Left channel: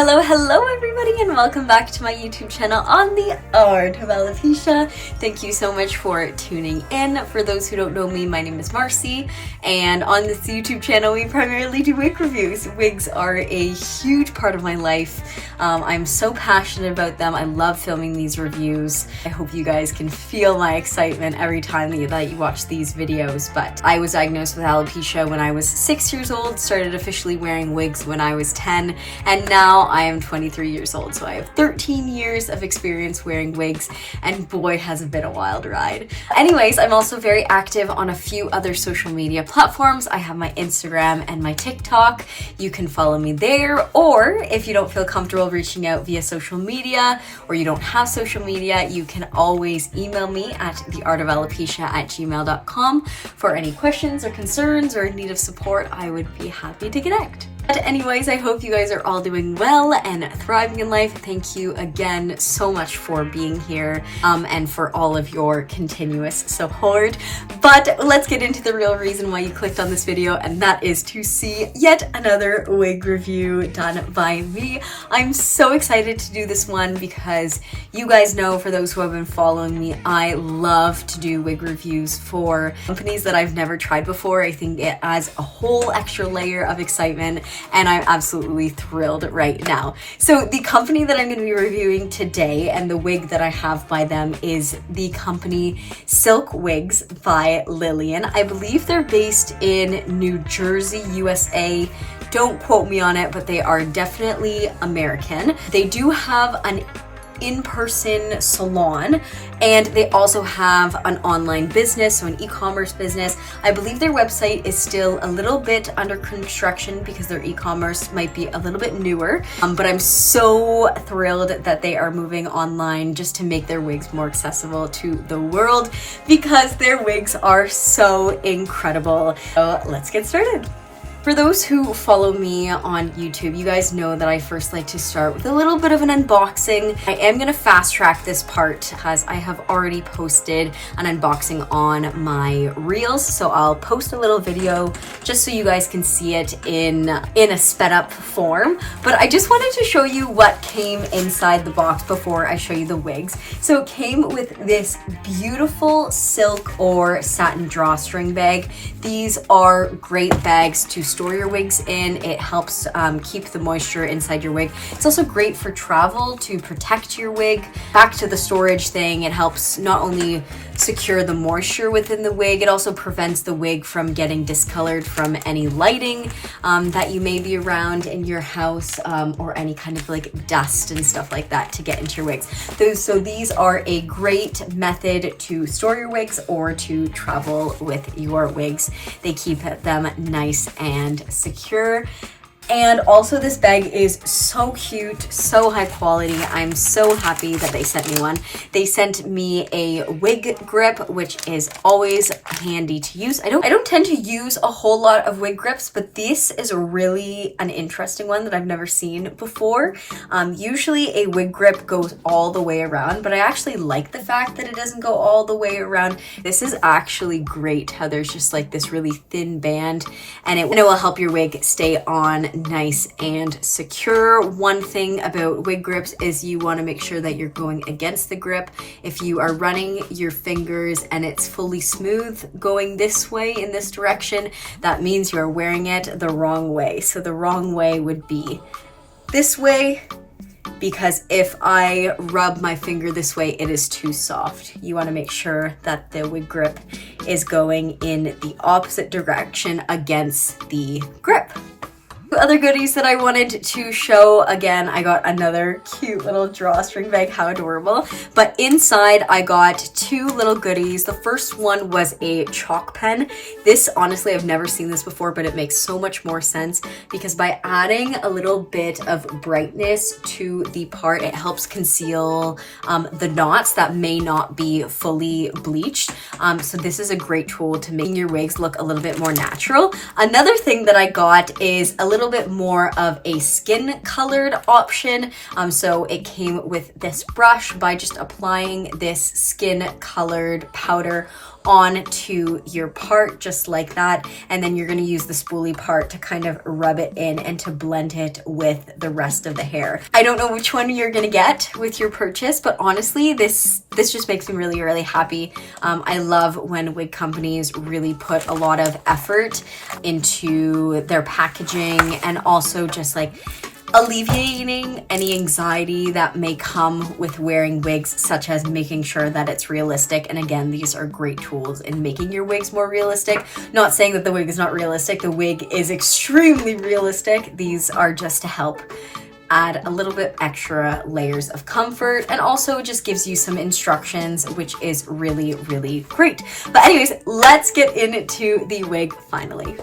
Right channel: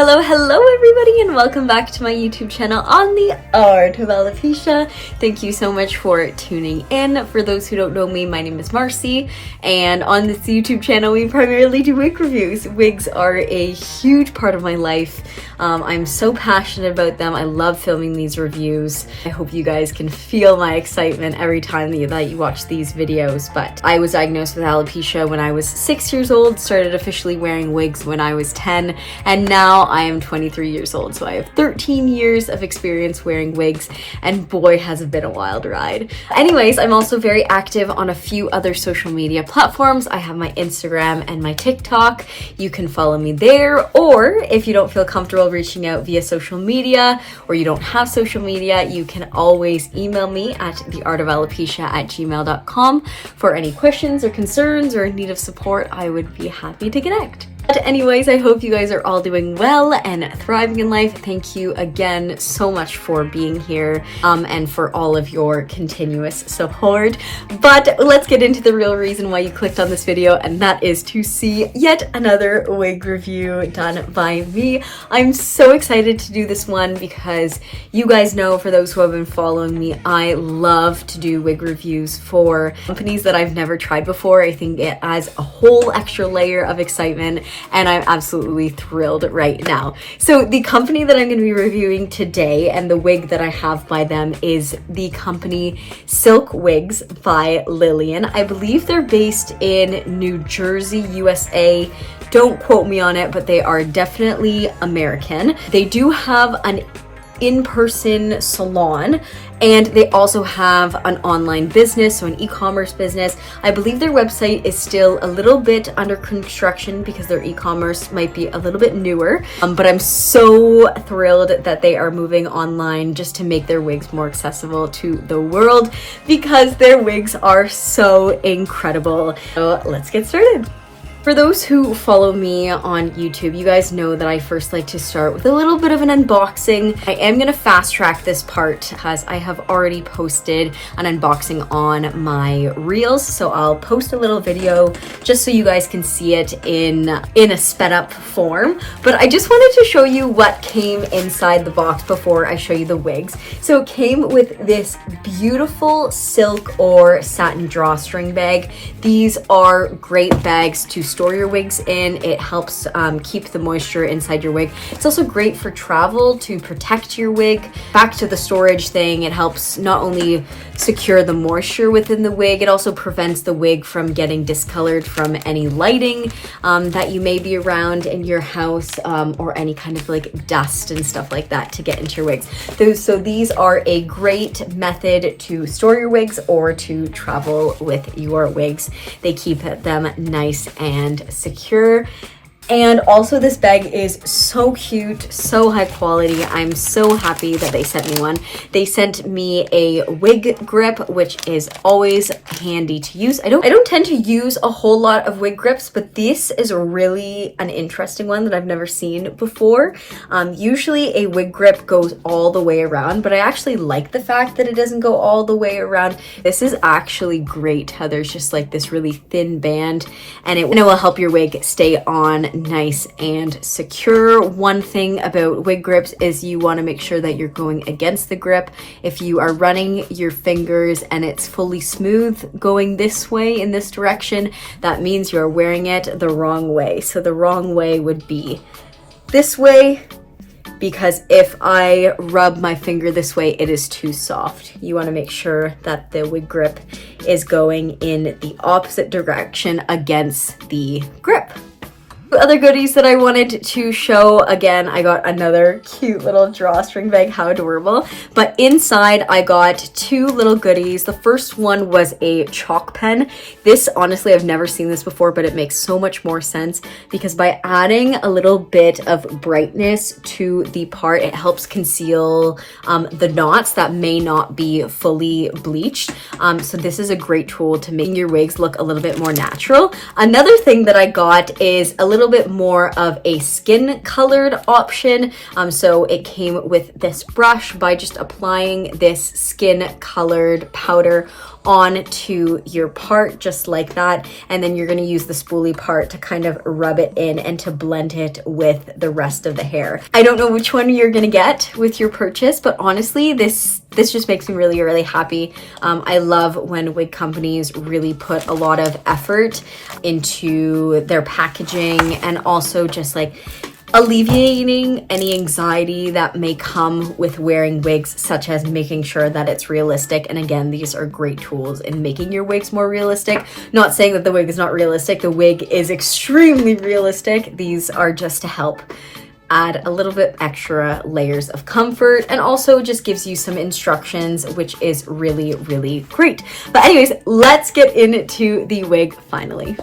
Hello everybody, and welcome back to my YouTube channel on the Art of Alopecia. Thank you so much for tuning in. For those who don't know me, my name is Marcy, and on this YouTube channel we primarily do wig reviews. Wigs are a huge part of my life. I'm so passionate about them. I love filming these reviews. I hope you guys can feel my excitement every time that you watch these videos. But I was diagnosed with alopecia when I was 6 years old, started officially wearing wigs when I was 10, and now I am 23 years old, so I have 13 years of experience wearing wigs, and boy has it been a wild ride. Anyways, I'm also very active on a few other social media platforms. I have my Instagram and my TikTok. You can follow me there, or if you don't feel comfortable reaching out via social media, or you don't have social media, you can always email me at theartofalopecia@gmail.com for any questions or concerns or in need of support. I would be happy to connect. But anyways, I hope you guys are all doing well and thriving in life. Thank you again so much for being here and for all of your continuous support. But let's get into the real reason why you clicked on this video, and that is to see yet another wig review done by me. I'm so excited to do this one because you guys know, for those who have been following me, I love to do wig reviews for companies that I've never tried before. I think it adds a whole extra layer of excitement, and I'm absolutely thrilled right now. So the company that I'm going to be reviewing today and the wig that I have by them is the company Silk Wigs by Lilian. I believe they're based in New Jersey, USA. Don't quote me on it, but they are definitely American. They do have an in-person salon, and they also have an online business, so an e-commerce business. I believe their website is still a little bit under construction because their e-commerce might be a little bit newer, but I'm so thrilled that they are moving online just to make their wigs more accessible to the world, because their wigs are so incredible. So let's get started. For those who follow me on YouTube, you guys know that I first like to start with a little bit of an unboxing. I am going to fast track this part because I have already posted an unboxing on my reels, so I'll post a little video just so you guys can see it in a sped up form. But I just wanted to show you what came inside the box before I show you the wigs. So it came with this beautiful silk or satin drawstring bag. These are great bags to store your wigs in. It helps keep the moisture inside your wig. It's also great for travel to protect your wig. Back to the storage thing, it helps not only secure the moisture within the wig, it also prevents the wig from getting discolored from any lighting that you may be around in your house, or any kind of like dust and stuff like that to get into your wigs. So these are a great method to store your wigs or to travel with your wigs. They keep them nice and secure. And also, this bag is so cute, so high quality. I'm so happy that they sent me one. They sent me a wig grip, which is always handy to use. I don't tend to use a whole lot of wig grips, but this is really an interesting one that I've never seen before. Usually a wig grip goes all the way around, but I actually like the fact that it doesn't go all the way around. This is actually great how there's just like this really thin band, and it will help your wig stay on nice and secure. One thing about wig grips is you want to make sure that you're going against the grip. If you are running your fingers and it's fully smooth going this way in this direction, that means you're wearing it the wrong way. So the wrong way would be this way, because if I rub my finger this way, it is too soft. You want to make sure that the wig grip is going in the opposite direction against the grip. Other goodies that I wanted to show, again, I got another cute little drawstring bag. How adorable. But inside I got two little goodies. The first one was a chalk pen. This, honestly, I've never seen this before, but it makes so much more sense because by adding a little bit of brightness to the part, it helps conceal the knots that may not be fully bleached. So this is a great tool to make your wigs look a little bit more natural. Another thing that I got is a little bit more of a skin colored option. So it came with this brush. By just applying this skin colored powder onto your part just like that, and then you're going to use the spoolie part to kind of rub it in and to blend it with the rest of the hair. I don't know which one you're going to get with your purchase, but honestly this just makes me really, really happy. I love when wig companies really put a lot of effort into their packaging and also just like alleviating any anxiety that may come with wearing wigs, such as making sure that it's realistic. And again, these are great tools in making your wigs more realistic. Not saying that the wig is not realistic. The wig is extremely realistic. These are just to help add a little bit extra layers of comfort, and also just gives you some instructions, which is really, really great. But anyways, let's get into the wig finally.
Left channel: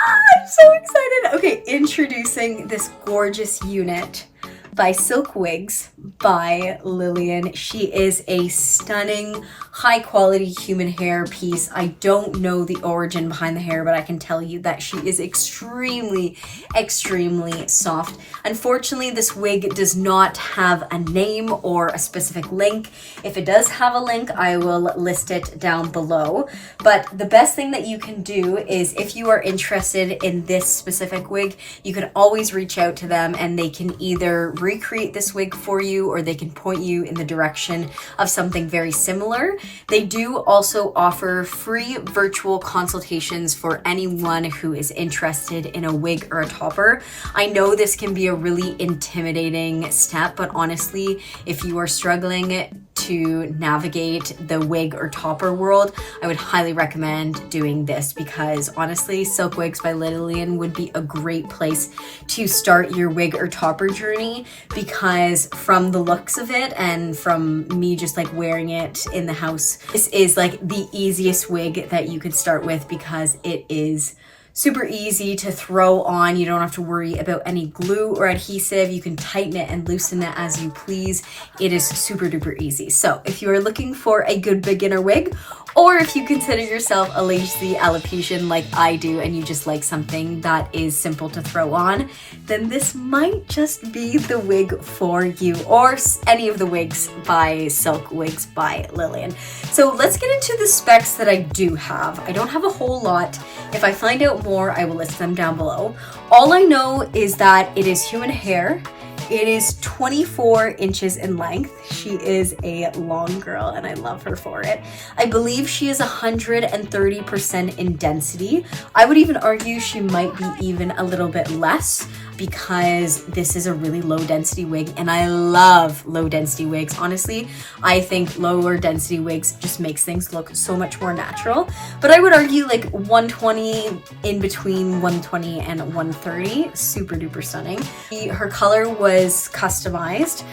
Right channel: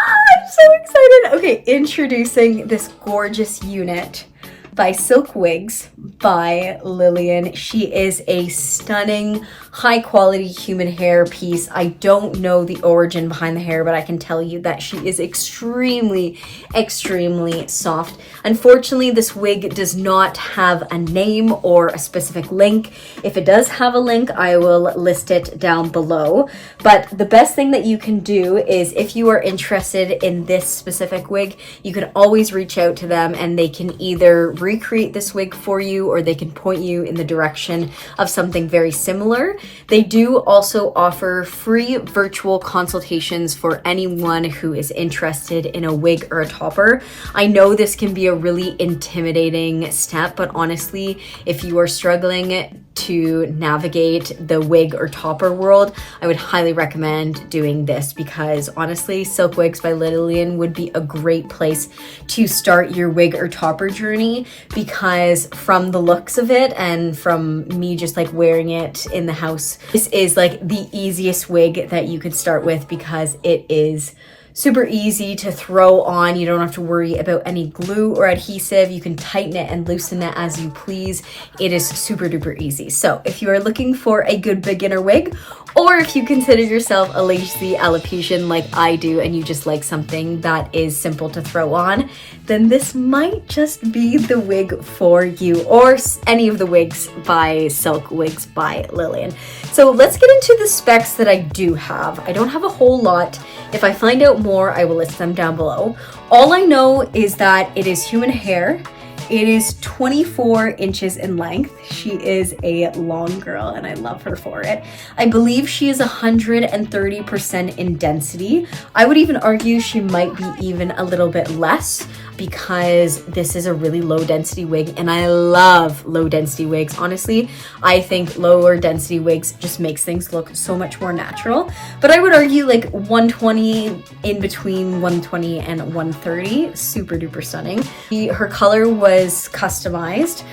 I'm so excited. Okay, introducing this gorgeous unit by Silk Wigs by Lilian. She is a stunning, high quality human hair piece. I don't know the origin behind the hair, but I can tell you that she is extremely, extremely soft. Unfortunately, this wig does not have a name or a specific link. If it does have a link, I will list it down below. But the best thing that you can do is, if you are interested in this specific wig, you can always reach out to them and they can either recreate this wig for you, or they can point you in the direction of something very similar. They do also offer free virtual consultations for anyone who is interested in a wig or a topper. I know this can be a really intimidating step, but honestly, if you are struggling to navigate the wig or topper world, I would highly recommend doing this, because honestly, Silk Wigs by Lilian would be a great place to start your wig or topper journey, because from the looks of it and from me just like wearing it in the house, this is like the easiest wig that you could start with, because it is super easy to throw on. You don't have to worry about any glue or adhesive. You can tighten it and loosen it as you please. It is super duper easy. So if you are looking for a good beginner wig, or if you consider yourself a lazy alopecian like I do and you just like something that is simple to throw on, then this might just be the wig for you, or any of the wigs by Silk Wigs by Lilian. So let's get into the specs that I do have. I don't have a whole lot. If I find out more, I will list them down below. All I know is that it is human hair. It is 24 inches in length. She is a long girl and I love her for it. I believe she is 130% in density. I would even argue she might be even a little bit less, because this is a really low density wig and I love low density wigs. Honestly, I think lower density wigs just makes things look so much more natural. But I would argue like 120, in between 120 and 130, super duper stunning. Her color was customized.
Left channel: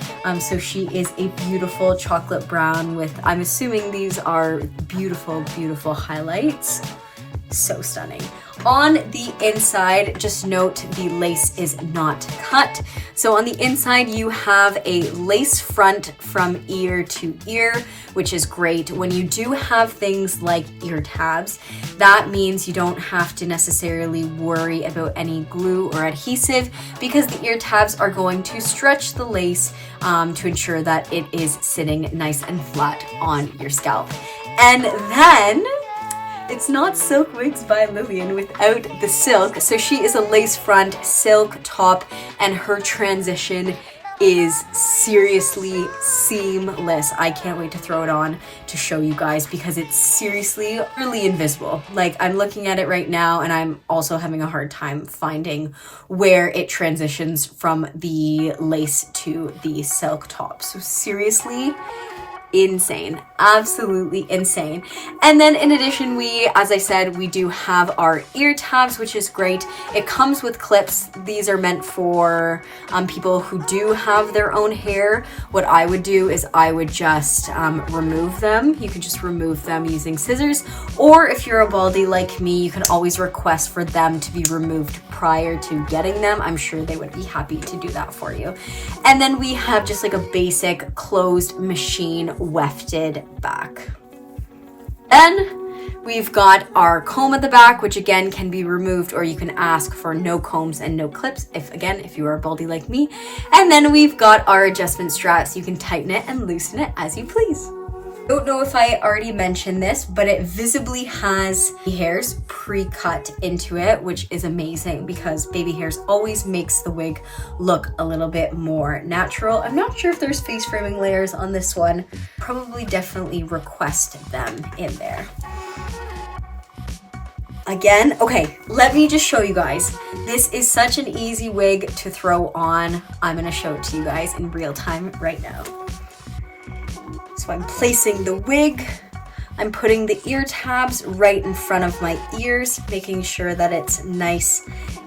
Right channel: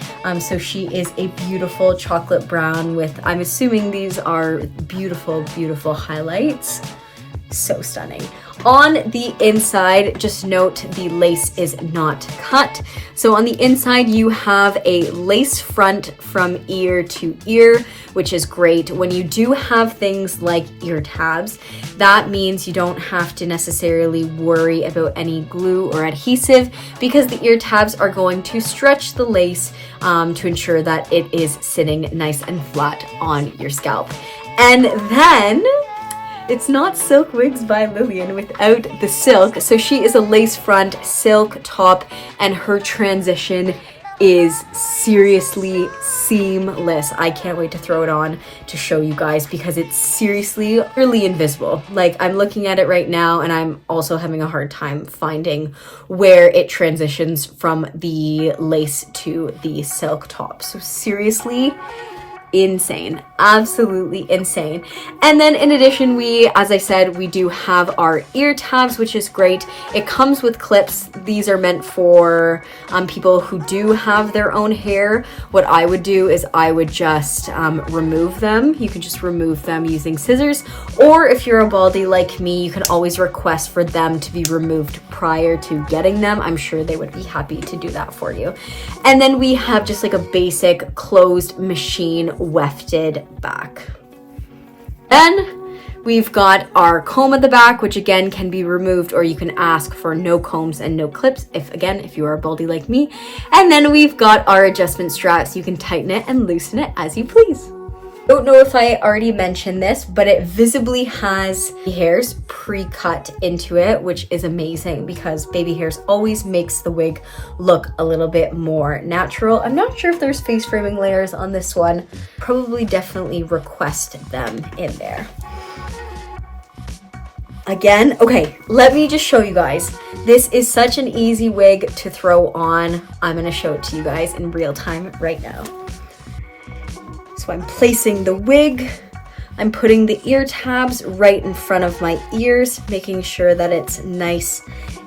So she is a beautiful chocolate brown with, I'm assuming these are beautiful, beautiful highlights. So stunning. On the inside, just note the lace is not cut. So on the inside, you have a lace front from ear to ear, which is great. When you do have things like ear tabs, that means you don't have to necessarily worry about any glue or adhesive, because the ear tabs are going to stretch the lace to ensure that it is sitting nice and flat on your scalp. And then it's not Silk Wigs by Lilian without the silk. So she is a lace front silk top, and her transition is seriously seamless. I can't wait to throw it on to show you guys, because it's seriously really invisible. Like, I'm looking at it right now and I'm also having a hard time finding where it transitions from the lace to the silk top. So seriously, insane, absolutely insane. And then in addition, as I said, we do have our ear tabs, which is great. It comes with clips. These are meant for people who do have their own hair. What I would do is I would just remove them. You can just remove them using scissors, or if you're a baldy like me, you can always request for them to be removed prior to getting them. I'm sure they would be happy to do that for you. And then we have just like a basic closed machine wefted back. Then we've got our comb at the back, which again can be removed, or you can ask for no combs and no clips if you are a baldy like me. And then we've got our adjustment straps. You can tighten it and loosen it as you please. Don't know if I already mentioned this, but it visibly has hairs pre-cut into it, which is amazing because baby hairs always makes the wig look a little bit more natural. I'm not sure if there's face framing layers on this one. Probably definitely request them in there. Again, okay, let me just show you guys. This is such an easy wig to throw on. I'm gonna show it to you guys in real time right now. So I'm placing the wig, I'm putting the ear tabs right in front of my ears, making sure that it's nice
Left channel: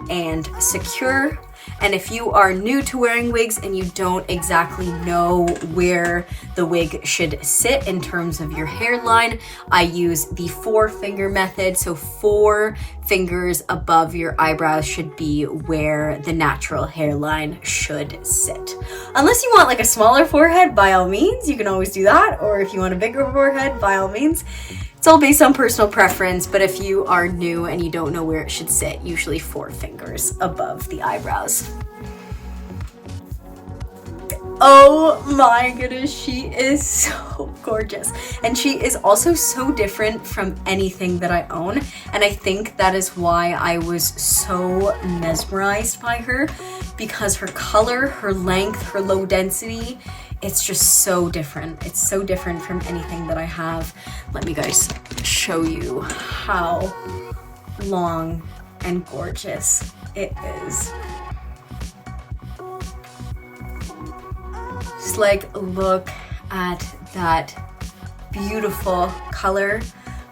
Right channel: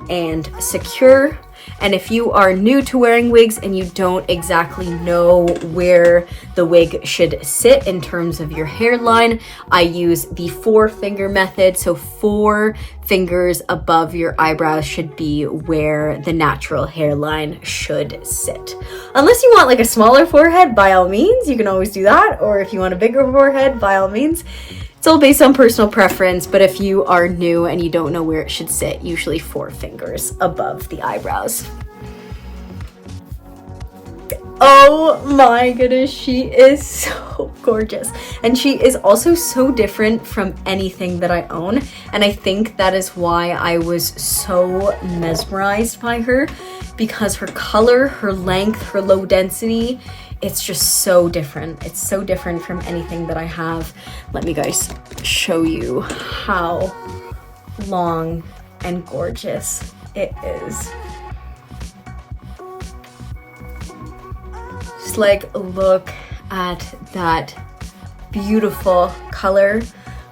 and secure. And if you are new to wearing wigs and you don't exactly know where the wig should sit in terms of your hairline, I use the 4-finger method. So 4 fingers above your eyebrows should be where the natural hairline should sit. Unless you want like a smaller forehead, by all means, you can always do that. Or if you want a bigger forehead, by all means. It's all based on personal preference, but if you are new and you don't know where it should sit, usually 4 fingers above the eyebrows. Oh my goodness, she is so gorgeous. And she is also so different from anything that I own. And I think that is why I was so mesmerized by her, because her color, her length, her low density, it's just so different. It's so different from anything that I have. Let me guys show you how long and gorgeous it is. Just like look at that beautiful color.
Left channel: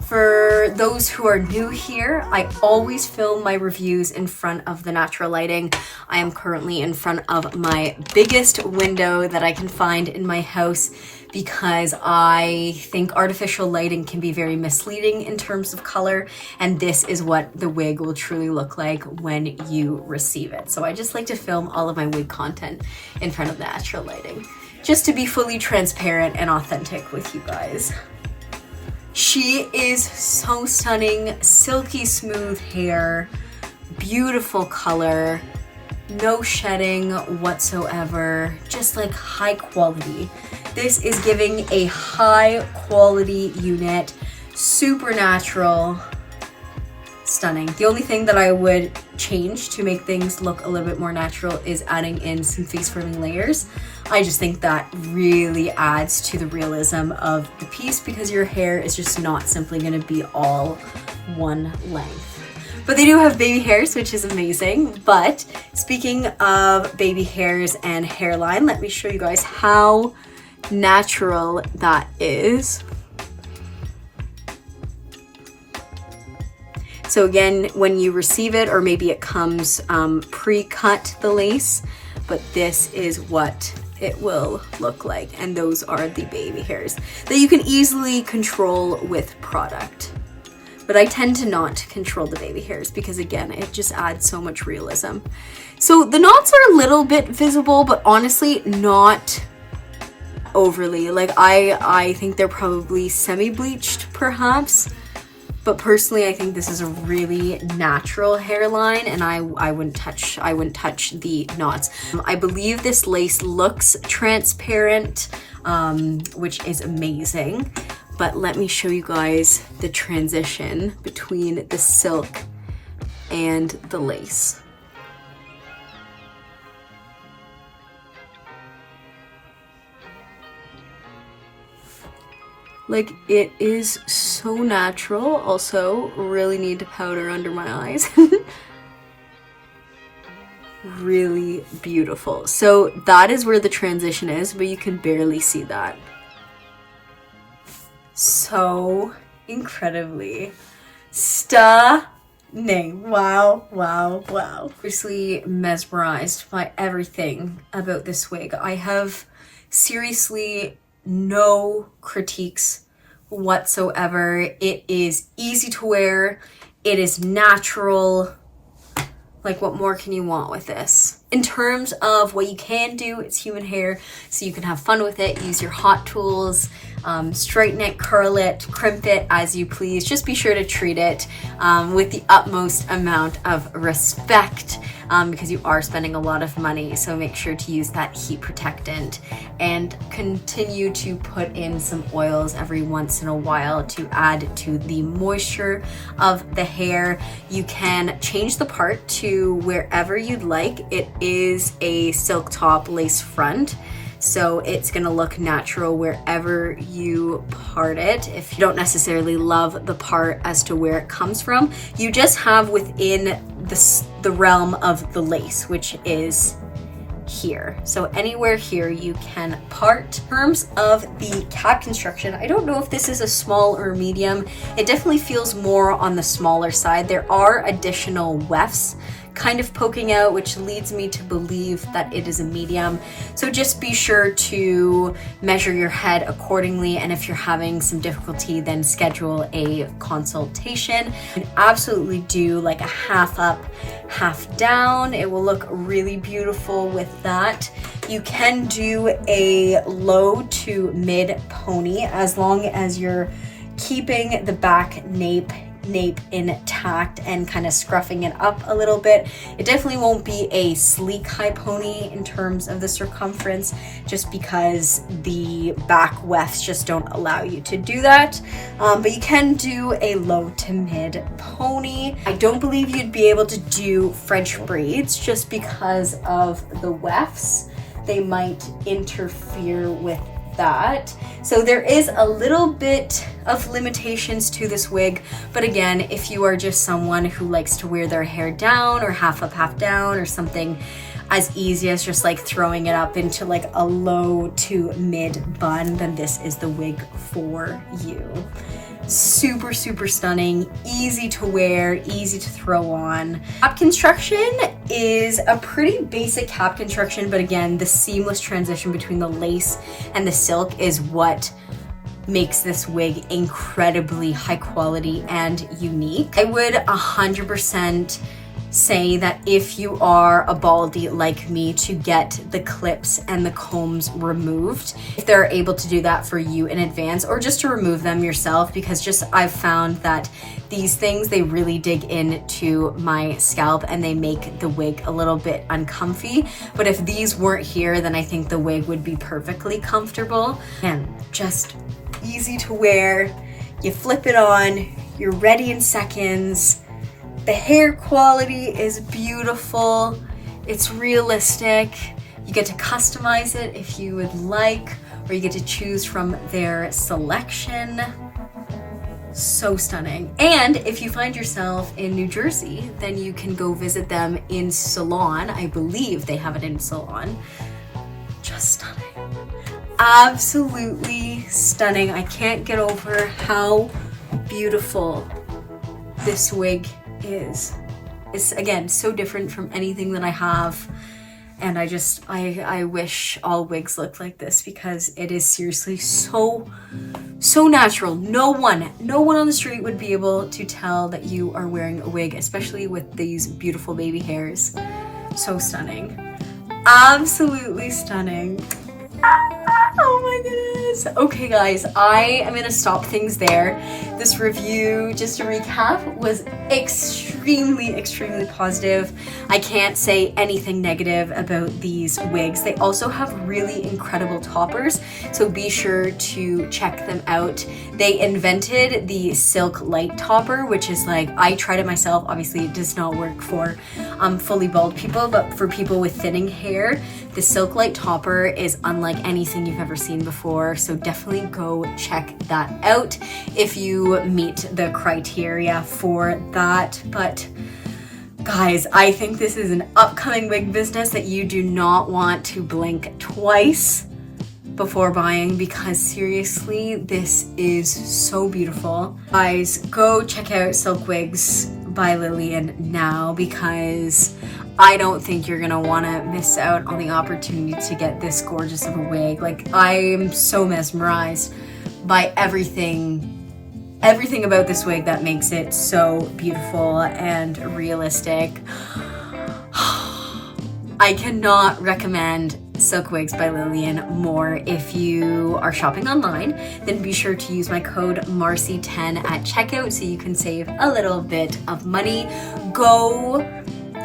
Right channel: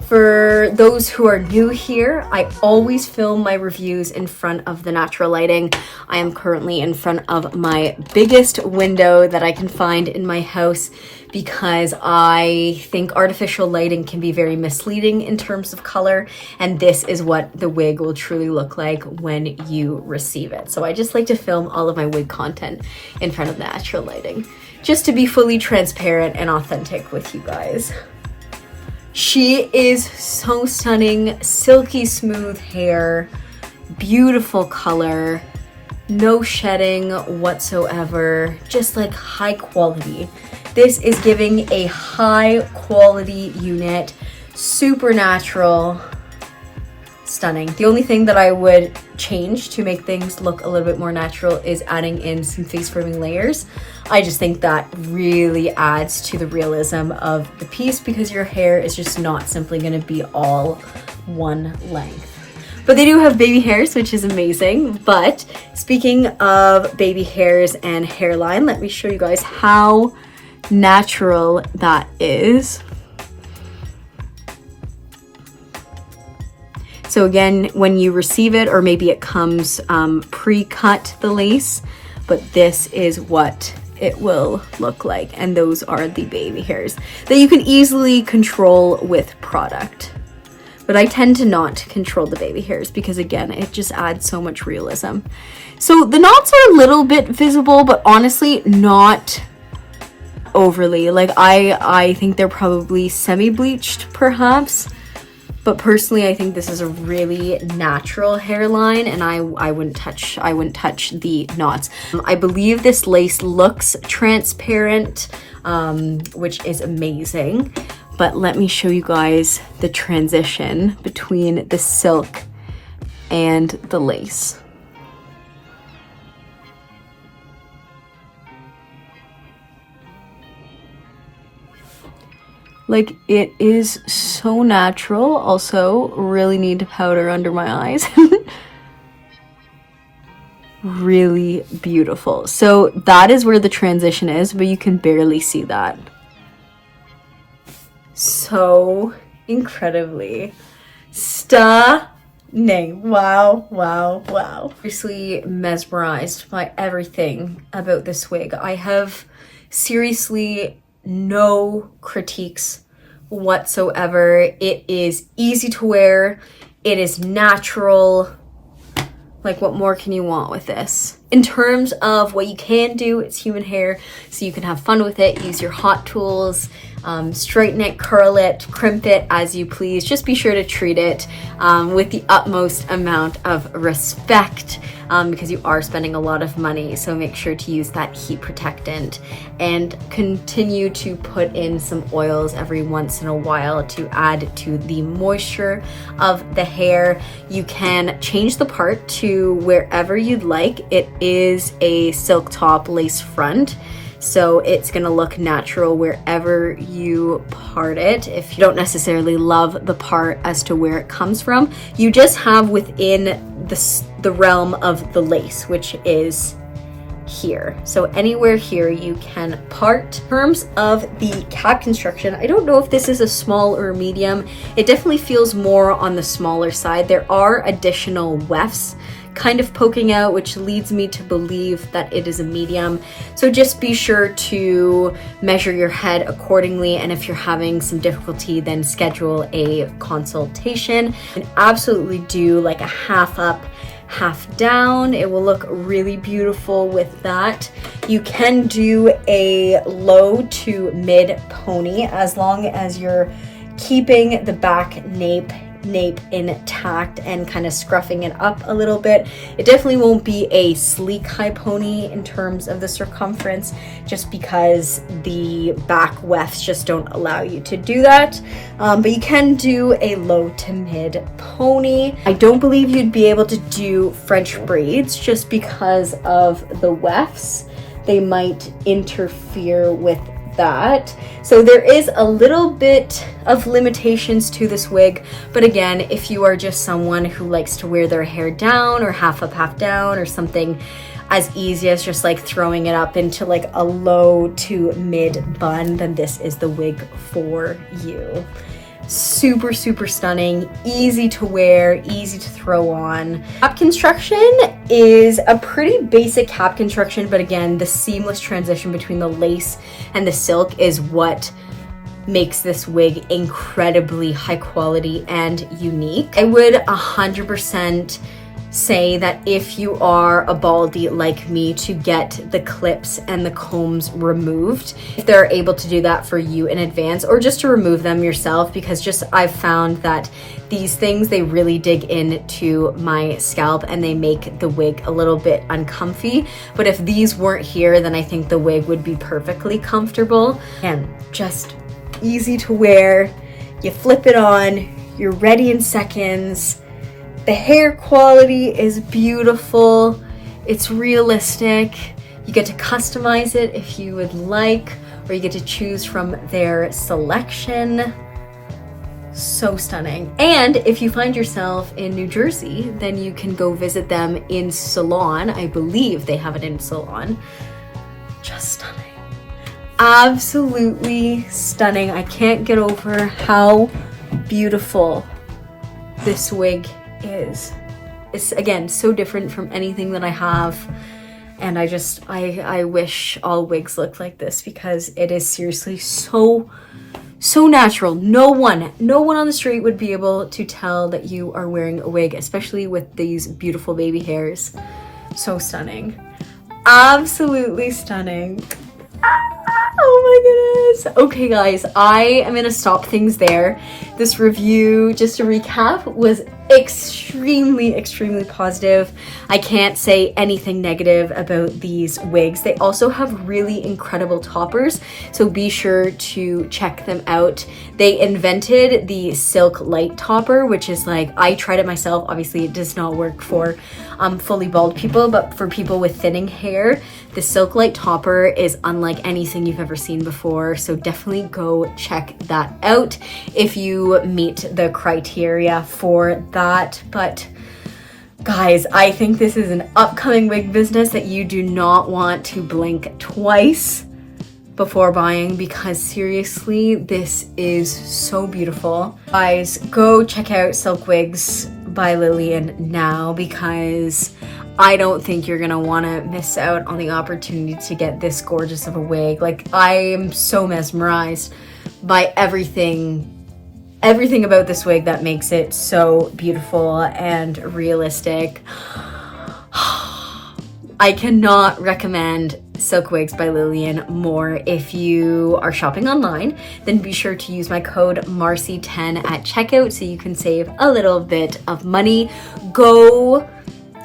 For those who are new here, I always film my reviews in front of the natural lighting. I am currently in front of my biggest window that I can find in my house because I think artificial lighting can be very misleading in terms of color, and this is what the wig will truly look like when you receive it. So I just like to film all of my wig content in front of natural lighting, just to be fully transparent and authentic with you guys. She is so stunning, silky smooth hair, beautiful color, no shedding whatsoever, just like high quality. This is giving a high quality unit, super natural, stunning. The only thing that I would change to make things look a little bit more natural is adding in some face framing layers. I just think that really adds to the realism of the piece because your hair is just not simply going to be all one length. But they do have baby hairs, which is amazing. But speaking of baby hairs and hairline, let me show you guys how natural that is. So again, when you receive it, or maybe it comes pre-cut, the lace, but this is what it will look like. And those are the baby hairs that you can easily control with product. But I tend to not control the baby hairs because again, it just adds so much realism. So the knots are a little bit visible, but honestly not overly. Like I think they're probably semi-bleached perhaps. But personally, I think this is a really natural hairline, and I wouldn't touch the knots. I believe this lace looks transparent, which is amazing. But let me show you guys the transition between the silk and the lace. Like, it is so natural. Also, really need to powder under my eyes. Really beautiful. So that is where the transition is, but you can barely see that. So incredibly stunning. Wow, wow, wow. Obviously mesmerized by everything about this wig. I have seriously no critiques whatsoever. It is easy to wear. It is natural. Like, what more can you want with this? In terms of what you can do, it's human hair, so you can have fun with it. Use your hot tools, straighten it, curl it, crimp it as you please. Just be sure to treat it with the utmost amount of respect, because you are spending a lot of money. So make sure to use that heat protectant and continue to put in some oils every once in a while to add to the moisture of the hair. You can change the part to wherever you'd like. It is a silk top lace front, so it's gonna look natural wherever you part it. If you don't necessarily love the part as to where it comes from, you just have within the realm of the lace, which is here. So anywhere here you can part. In terms of the cap construction, I don't know if this is a small or a medium. It definitely feels more on the smaller side. There are additional wefts kind of poking out, which leads me to believe that it is a medium. So just be sure to measure your head accordingly, and if you're having some difficulty, then schedule a consultation. And absolutely do like a half up, half down. It will look really beautiful with that. You can do a low to mid pony as long as you're keeping the back nape intact and kind of scruffing it up a little bit. It definitely won't be a sleek high pony in terms of the circumference, just because the back wefts just don't allow you to do that. But you can do a low to mid pony. I don't believe you'd be able to do French braids just because of the wefts. They might interfere with that. So there is a little bit of limitations to this wig, but again, if you are just someone who likes to wear their hair down or half up, half down, or something as easy as just like throwing it up into like a low to mid bun, then this is the wig for you. Super, super stunning, easy to wear, easy to throw on. Cap construction is a pretty basic cap construction, but again, the seamless transition between the lace and the silk is what makes this wig incredibly high quality and unique. I would 100% say that if you are a baldy like me, to get the clips and the combs removed if they're able to do that for you in advance, or just to remove them yourself, because just I've found that these things, they really dig into my scalp and they make the wig a little bit uncomfy. But if these weren't here, then I think the wig would be perfectly comfortable and just easy to wear. You flip it on, you're ready in seconds. The hair quality is beautiful. It's realistic. You get to customize it if you would like, or you get to choose from their selection. So stunning. And if you find yourself in New Jersey, then you can go visit them in salon. I believe they have it in salon. Just stunning. Absolutely stunning. I can't get over how beautiful this wig is. It's again so different from anything that I have, and I wish all wigs looked like this, because it is seriously so natural. No one on the street would be able to tell that you are wearing a wig, especially with these beautiful baby hairs. So stunning. Absolutely stunning. Oh my goodness. Okay guys, I am gonna stop things there. This review, just to recap, was extremely positive. I can't say anything negative about these wigs. They also have really incredible toppers, so be sure to check them out. They invented the silk light topper, which is like, I tried it myself. Obviously it does not work for fully bald people, but for people with thinning hair, the silk light topper is unlike anything you've ever seen before, so definitely go check that out if you meet the criteria for that. But guys, I think this is an upcoming wig business that you do not want to blink twice before buying, because seriously, this is so beautiful. Guys, go check out Silk Wigs by Lilian now, because I don't think you're gonna wanna miss out on the opportunity to get this gorgeous of a wig. Like, I am so mesmerized by everything about this wig that makes it so beautiful and realistic. I cannot recommend Silk Wigs by Lilian more. If you are shopping online, then be sure to use my code Marcy10 at checkout so you can save a little bit of money. Go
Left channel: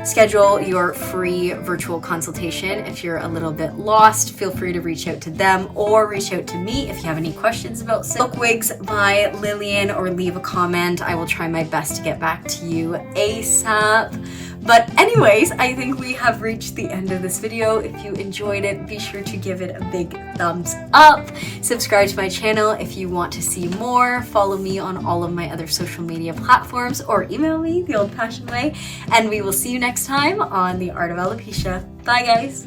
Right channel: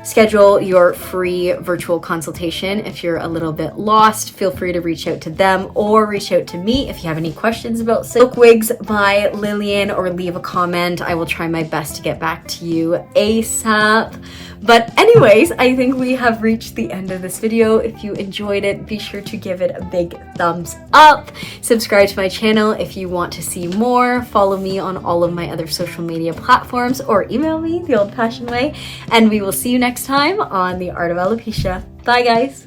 schedule your free virtual consultation. If you're a little bit lost, feel free to reach out to them or reach out to me if you have any questions about Silk Wigs by Lilian, or leave a comment. I will try my best to get back to you ASAP. But anyways, I think we have reached the end of this video. If you enjoyed it, be sure to give it a big thumbs up. Subscribe to my channel if you want to see more. Follow me on all of my other social media platforms, or email me the old-fashioned way. And we will see you next time on The Art of Alopecia. Bye, guys.